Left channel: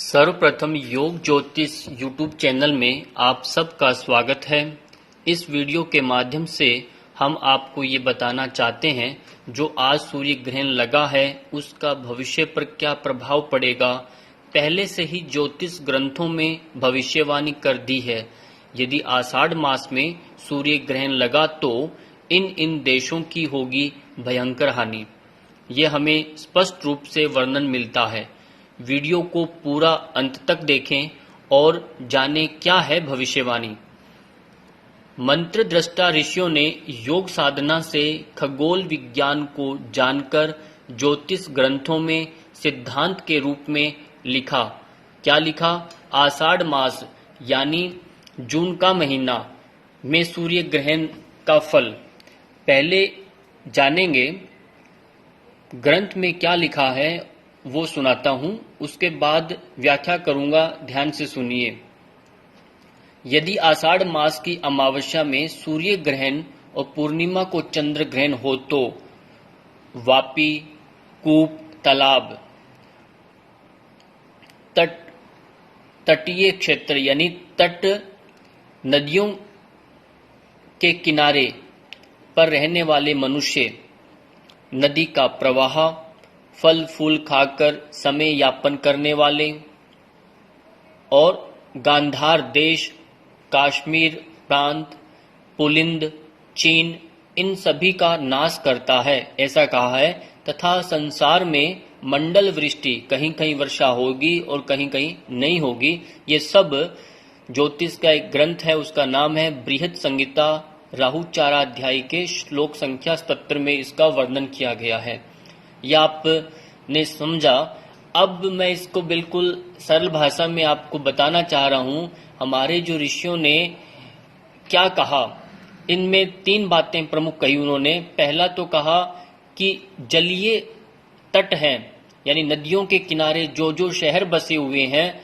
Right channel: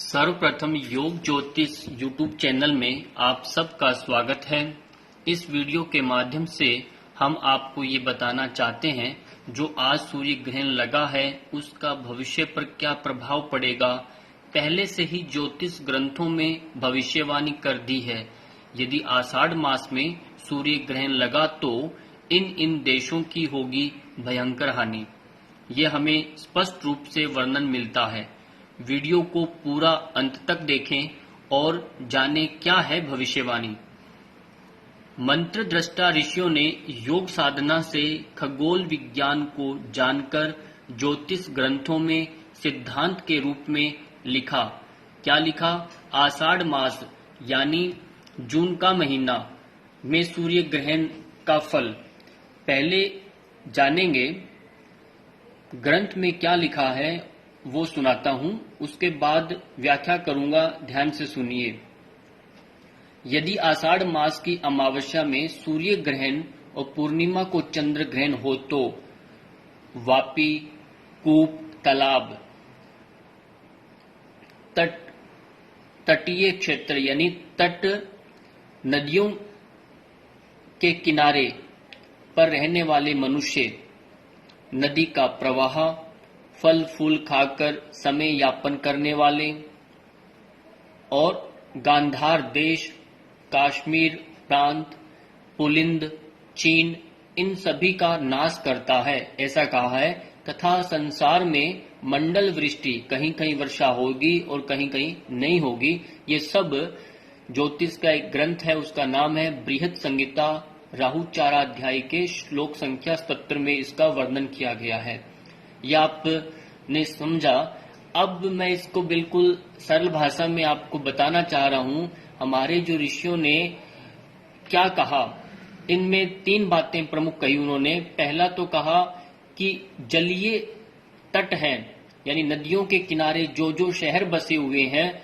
सर्वप्रथम योग ज्योतिष यूट्यूब चैनल में आप सबका स्वागत है। इस वीडियो के माध्यम से हम आपको ये बताना चाहते हैं जो आज सूर्य ग्रहण लगा है उसका भविष्य पर क्या प्रभाव पड़ेगा। पहले से ही ज्योतिष ग्रंथों में भविष्यवाणी कर दी है। यदि आषाढ़ मास में सूर्य ग्रहण लगा तो इन देशों की होगी भयंकर हानि। ये हमें स्पष्ट रूप से वर्णन मिलता है। वीडियो को पूरा अंत तक देखें और जानें क्या है भविष्यवाणी। मंत्र दृष्टा ऋषियों ने योग साधना से खगोल विज्ञान को जानकर ज्योतिष ग्रंथों में सिद्धांत के रूप में लिखा। क्या लिखा? आषाढ़ मास यानी जून का महीना में सूर्य ग्रहण का फल। पहले जानेंगे ग्रंथ में क्या लिखा है, वो सुनाता हूं, उसके बाद व्याख्या करूंगा, ध्यान से सुनिए। यदि आषाढ़ मास की अमावस्या में सूर्य ग्रहण और पूर्णिमा को चंद्र ग्रहण हो तो वापी, कूप, तालाब, तटीय क्षेत्र यानी तट, नदियों के किनारे पर रहने वाले मनुष्य, नदी का प्रवाह, फल फूल खाकर समय यापन करने वाले और गांधार देश, कश्मीर प्रांत, पुलिंद, चीन, इन सभी का नाश करता है, ऐसा कहा है। तथा संसार में मंडल वृष्टि, कहीं कहीं वर्षा होगी और कहीं कहीं नहीं होगी। ये सब ज्योतिष का एक ग्रंथ है, उसका नाम है बृहद संहिता। राहुचाराध्याय के श्लोक संख्या 77 में इसका वर्णन किया गया है। यह आपने समझा। अब मैं इसको बिल्कुल सरल भाषा में आपको बताना चाह रहा हूं। हमारे जो ऋषियों ने क्या कहा, इनमें 3 बातें प्रमुख कही उन्होंने। पहला तो कहा कि जलीय तट हैं, यानी नदियों के किनारे जो जो शहर बसे हुए हैं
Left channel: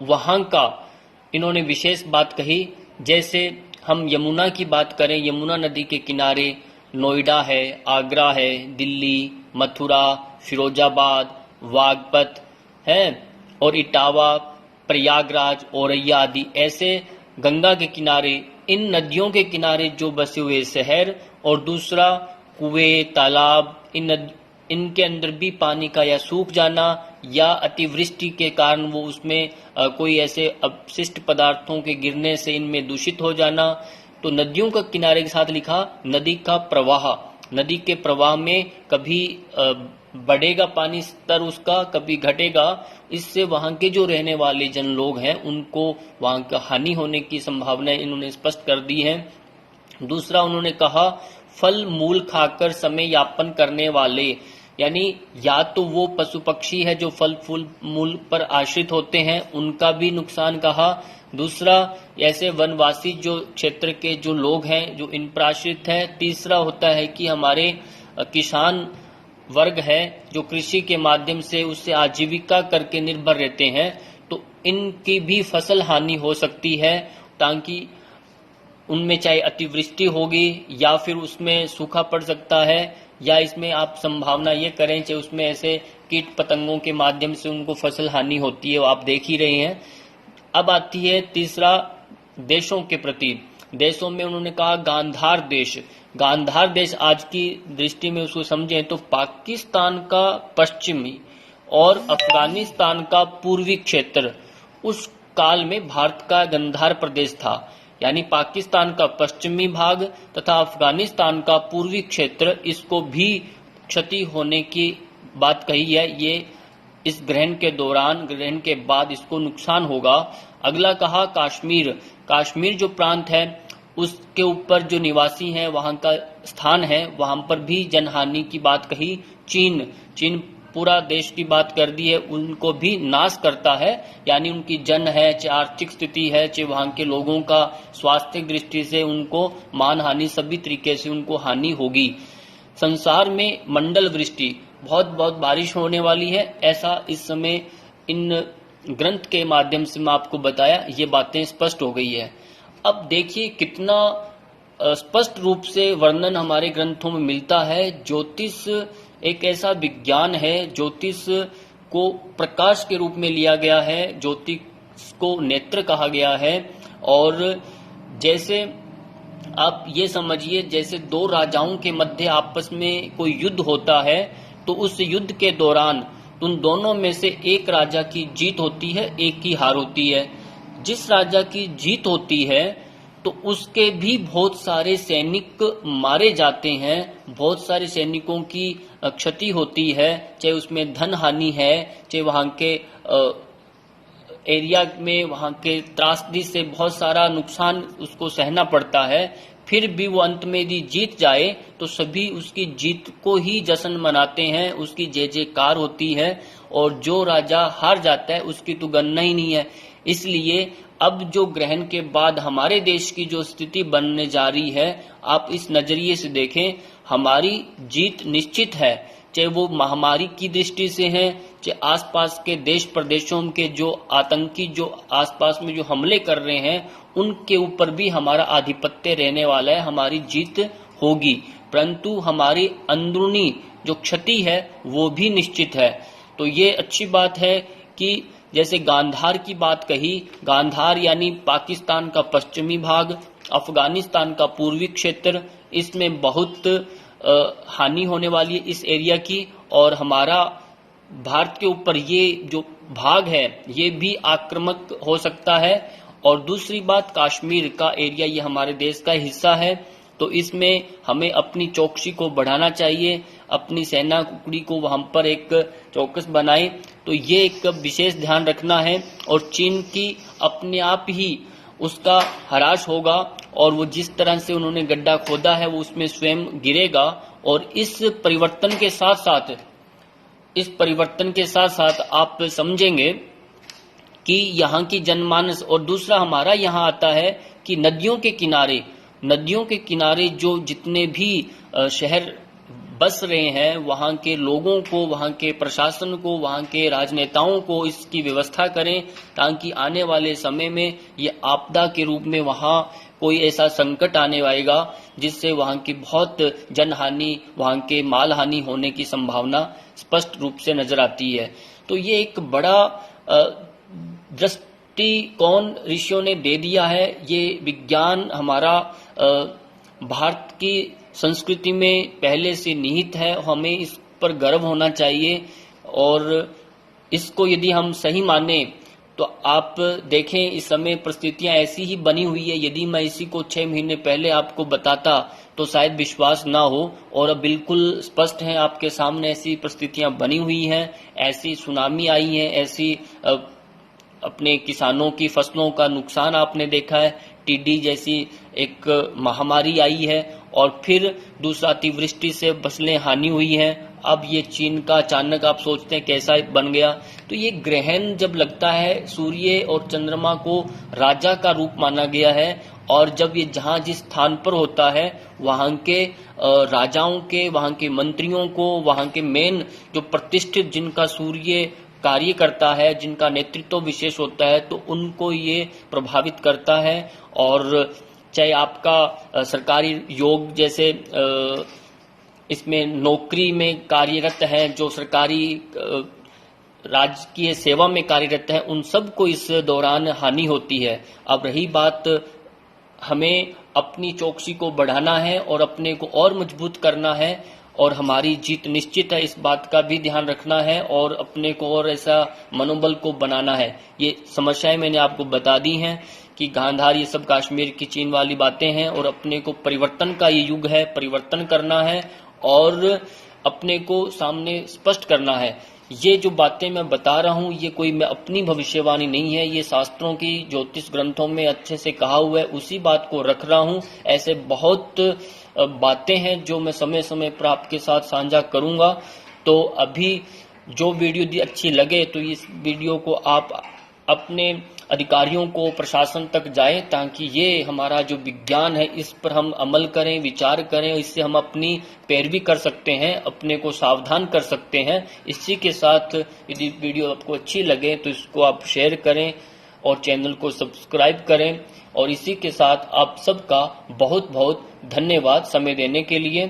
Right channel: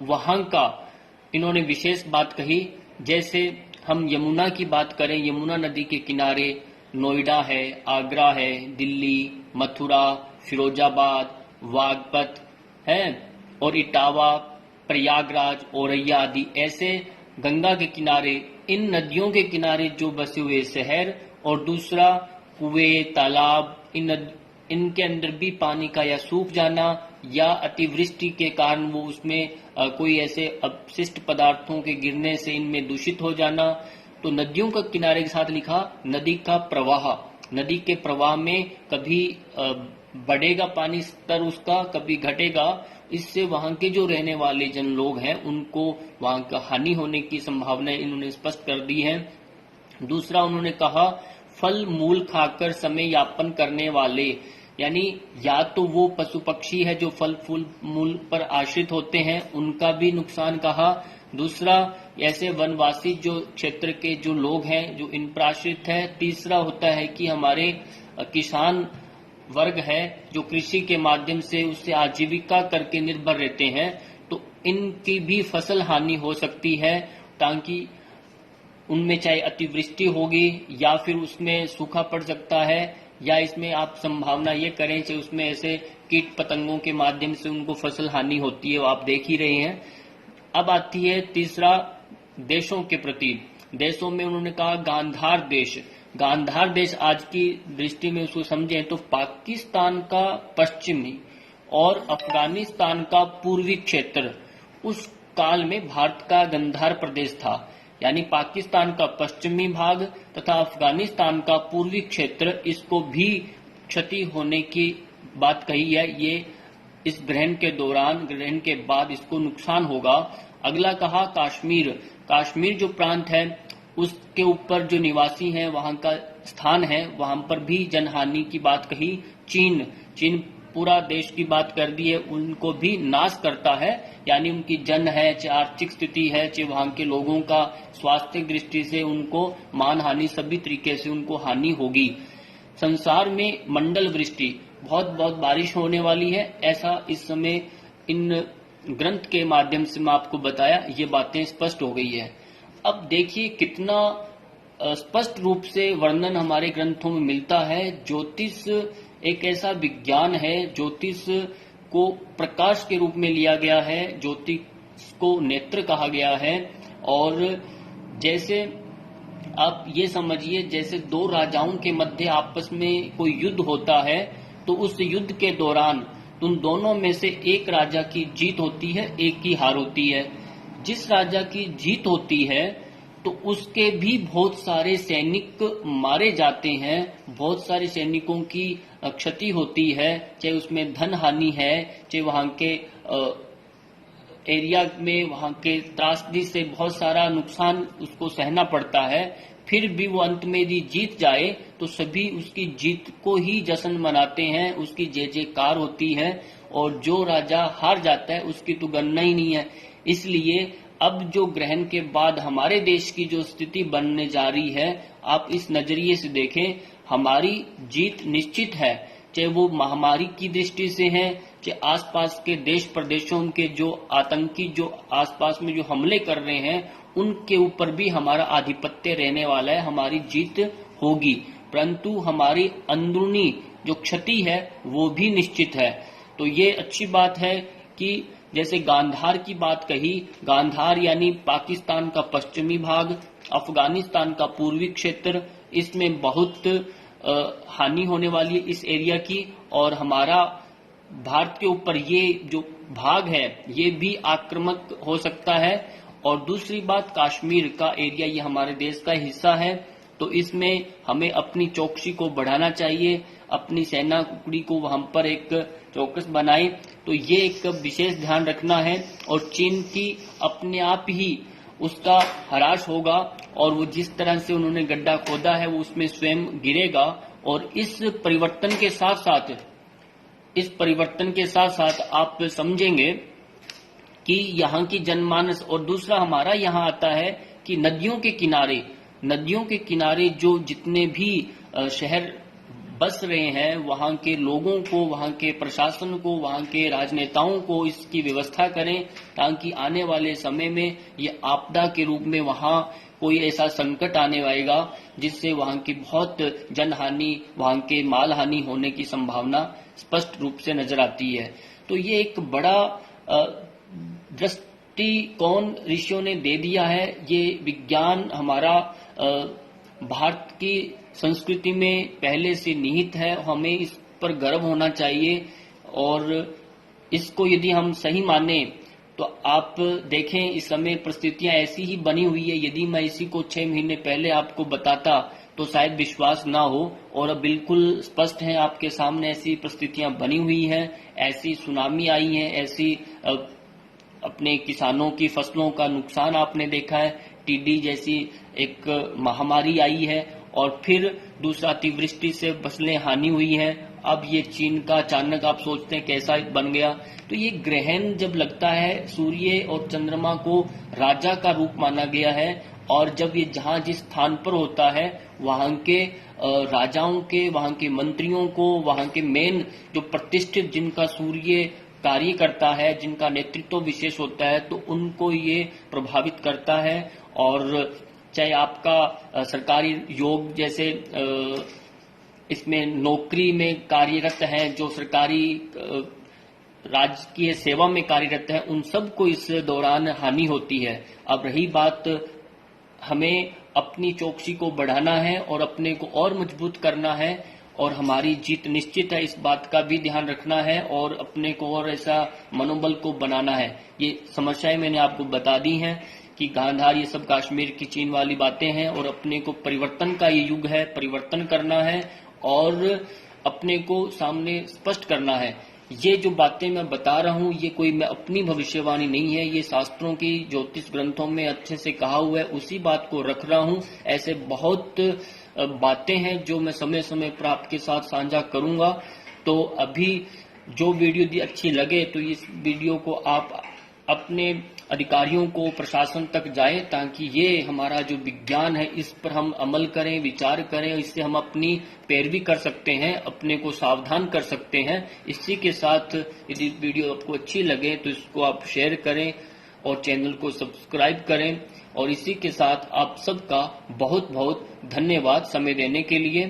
वहां का इन्होंने विशेष बात कही। जैसे हम यमुना की बात करें, यमुना नदी के किनारे नोएडा है, आगरा है, दिल्ली, मथुरा, फिरोजाबाद, वागपत है और इटावा, प्रयागराज, औरैया आदि ऐसे गंगा के किनारे, इन नदियों के किनारे जो बसे हुए शहर। और दूसरा कुएं, तालाब, इनके अंदर भी पानी का या सूख जाना या अतिवृष्टि के कारण वो उसमें कोई ऐसे अपशिष्ट पदार्थों के गिरने से इनमें दूषित हो जाना। तो नदियों का किनारे के साथ लिखा नदी का प्रवाह। नदी के प्रवाह में कभी बढ़ेगा पानी स्तर उसका, कभी घटेगा। इससे वहां के जो रहने वाले जन लोग हैं उनको वहां का हानि होने की संभावना इन्होंने स्पष्ट कर दी है। दूसरा उन्होंने कहा फल मूल खाकर समय यापन करने वाले, यानी या तो वो पशु पक्षी है जो फल फूल मूल पर आश्रित होते हैं, उनका भी नुकसान कहा। दूसरा ऐसे वनवासी जो क्षेत्र के जो लोग हैं जो इन पर आश्रित हैं। तीसरा होता है कि हमारे किसान वर्ग है जो कृषि के माध्यम से उससे आजीविका करके निर्भर रहते हैं, तो इनकी भी फसल हानि हो सकती है। ताकि उनमें चाहे अतिवृष्टि होगी या फिर उसमें सूखा पड़ सकता है, या इसमें आप संभावना ये करें चाहे उसमें ऐसे कीट पतंगों के माध्यम से उनको फसल हानि होती है, वो आप देख ही रहे हैं। अब आती है तीसरा देशों के प्रति। देशों में उन्होंने कहा गांधार देश। गांधार देश आज की दृष्टि में उसको समझें तो पाकिस्तान का पश्चिमी और अफगानिस्तान का पूर्वी क्षेत्र उस काल में भारत का गंधार प्रदेश था। यानी पाकिस्तान का पश्चिमी भाग तथा अफगानिस्तान का पूर्वी क्षेत्र, इसको भी क्षति होने की बात कही है। ये इस ग्रहण के दौरान, ग्रहण के बाद इसको नुकसान होगा। अगला कहा कश्मीर। कश्मीर जो प्रांत है उसके ऊपर जो निवासी हैं वहां का स्थान है, वहां पर भी जनहानि की बात कही। चीन पूरा देश की बात कर दी है, उनको भी नाश करता है। यानी उनकी जन है, चाहे आर्थिक स्थिति है, चाहे वहां के लोगों का स्वास्थ्य दृष्टि से उनको मान हानि, सभी तरीके से उनको हानि होगी। संसार में मंडल वृष्टि, बहुत बहुत बारिश होने वाली है, ऐसा इस समय इन ग्रंथ के माध्यम से मैं आपको बताया। ये बातें स्पष्ट हो गई है। अब देखिए कितना स्पष्ट रूप से वर्णन हमारे ग्रंथों में मिलता है। ज्योतिष एक ऐसा विज्ञान है, ज्योतिष को प्रकाश के रूप में लिया गया है, ज्योति को नेत्र कहा गया है। और जैसे आप ये समझिए, जैसे दो राजाओं के मध्य आपस में कोई युद्ध होता है, तो उस युद्ध के दौरान उन दोनों में से एक राजा की जीत होती है, एक की हार होती है। जिस राजा की जीत होती है तो उसके भी बहुत सारे सैनिक मारे जाते हैं, बहुत सारे सैनिकों की क्षति होती है, चाहे उसमें धन हानि है, चाहे वहां के एरिया में वहां के त्रासदी से बहुत सारा नुकसान उसको सहना पड़ता है। फिर भी वो अंत में यदि जीत जाए तो सभी उसकी जीत को ही जश्न मनाते हैं, उसकी जय जयकार होती है। और जो राजा हार जाता है उसकी तो गणना ही नहीं है। इसलिए अब जो ग्रहण के बाद हमारे देश की जो स्थिति बनने जा रही है, आप इस नजरिए से देखें, हमारी जीत निश्चित है, चाहे वो महामारी की दृष्टि से है, चाहे आसपास के देश प्रदेशों के जो आतंकी जो आसपास में जो हमले कर रहे हैं उनके ऊपर भी हमारा आधिपत्य रहने वाला है, हमारी जीत होगी। परंतु हमारी अंदरूनी जो क्षति है वो भी निश्चित है। तो ये अच्छी बात है कि जैसे गांधार की बात कही, गांधार यानी पाकिस्तान का पश्चिमी भाग, अफगानिस्तान का पूर्वी क्षेत्र, इसमें बहुत हानि होने वाली है इस एरिया की। और हमारा भारत के ऊपर ये जो भाग है ये भी आक्रामक हो सकता है। और दूसरी बात, कश्मीर का एरिया ये हमारे देश का हिस्सा है, तो इसमें हमें अपनी चौकसी को बढ़ाना चाहिए, अपनी सेना टुकड़ी को वहां पर एक चौकस बनाए। तो ये एक विशेष ध्यान रखना है। और चीन की अपने आप ही उसका ह्रास होगा, और वो जिस तरह से उन्होंने गड्ढा खोदा है वो उसमें स्वयं गिरेगा। और इस परिवर्तन के साथ साथ आप समझेंगे कि यहाँ की जनमानस, और दूसरा हमारा यहाँ आता है कि नदियों के किनारे जो जितने भी शहर बस रहे हैं, वहाँ के लोगों को, वहाँ के प्रशासन को, वहाँ के राजनेताओं को इसकी व्यवस्था करें, ताकि आने वाले समय में ये आपदा के रूप में वहाँ कोई ऐसा संकट आने आएगा जिससे वहाँ की बहुत जनहानि, वहाँ के माल हानि होने की संभावना स्पष्ट रूप से नजर आती है। तो ये एक बड़ा दृष्टिकोण ऋषियों ने दे दिया है। ये विज्ञान हमारा भारत की संस्कृति में पहले से निहित है, हमें इस पर गर्व होना चाहिए। और इसको यदि हम सही माने तो आप देखें इस समय परिस्थितियां ऐसी ही बनी हुई है। यदि मैं इसी को 6 महीने पहले आपको बताता तो शायद विश्वास ना हो, और अब बिल्कुल स्पष्ट है आपके सामने ऐसी परिस्थितियां बनी हुई हैं, ऐसी सुनामी आई है, ऐसी अपने किसानों की फसलों का नुकसान आपने देखा है, टिड्डी जैसी एक महामारी आई है, और फिर दूसरा अतिवृष्टि से फसलें हानि हुई है। अब ये चीन का अचानक आप सोचते हैं कैसा बन गया। तो ये ग्रहण जब लगता है, सूर्य और चंद्रमा को राजा का रूप माना गया है, और जब ये जहां जिस स्थान पर होता है वहां के राजाओं के, वहां के मंत्रियों को, वहां के मेन जो प्रतिष्ठित जिनका सूर्य कार्य करता है, जिनका नेतृत्व विशेष होता है, तो उनको ये प्रभावित करता है। और चाहे आपका सरकारी योग जैसे इसमें नौकरी में कार्यरत हैं, जो सरकारी राजकीय सेवा में कार्यरत है, उन सबको इस दौरान हानि होती है। अब रही बात, हमें अपनी चौकसी को बढ़ाना है और अपने को और मजबूत करना है, और हमारी जीत निश्चित है, इस बात का भी ध्यान रखना है, और अपने को और ऐसा मनोबल को बनाना है। ये समस्याएं मैंने आपको बता दी हैं कि गांधार, ये सब कश्मीर की चीन वाली बातें हैं, और अपने को परिवर्तन का ये युग है, परिवर्तन करना है और अपने को सामने स्पष्ट करना है। ये जो बातें मैं बता रहा हूँ ये कोई मैं अपनी भविष्यवाणी नहीं है, ये शास्त्रों की ज्योतिष ग्रंथों में अच्छे से कहा हुआ है, उसी बात को रख रहा हूँ। ऐसे बहुत बातें हैं जो मैं समय समय पर आपके साथ साझा करूंगा। तो अभी जो वीडियो अच्छी लगे तो इस वीडियो को आप अपने अधिकारियों को, प्रशासन तक जाएं, ताकि ये हमारा जो विज्ञान है इस पर हम अमल करें, विचार करें, इससे हम अपनी पैरवी कर सकते हैं, अपने को सावधान कर सकते हैं। इसी के साथ यदि वीडियो आपको अच्छी लगे तो इसको आप शेयर करें और चैनल को सब्सक्राइब करें। और इसी के साथ आप सबका बहुत बहुत धन्यवाद समय देने के लिए।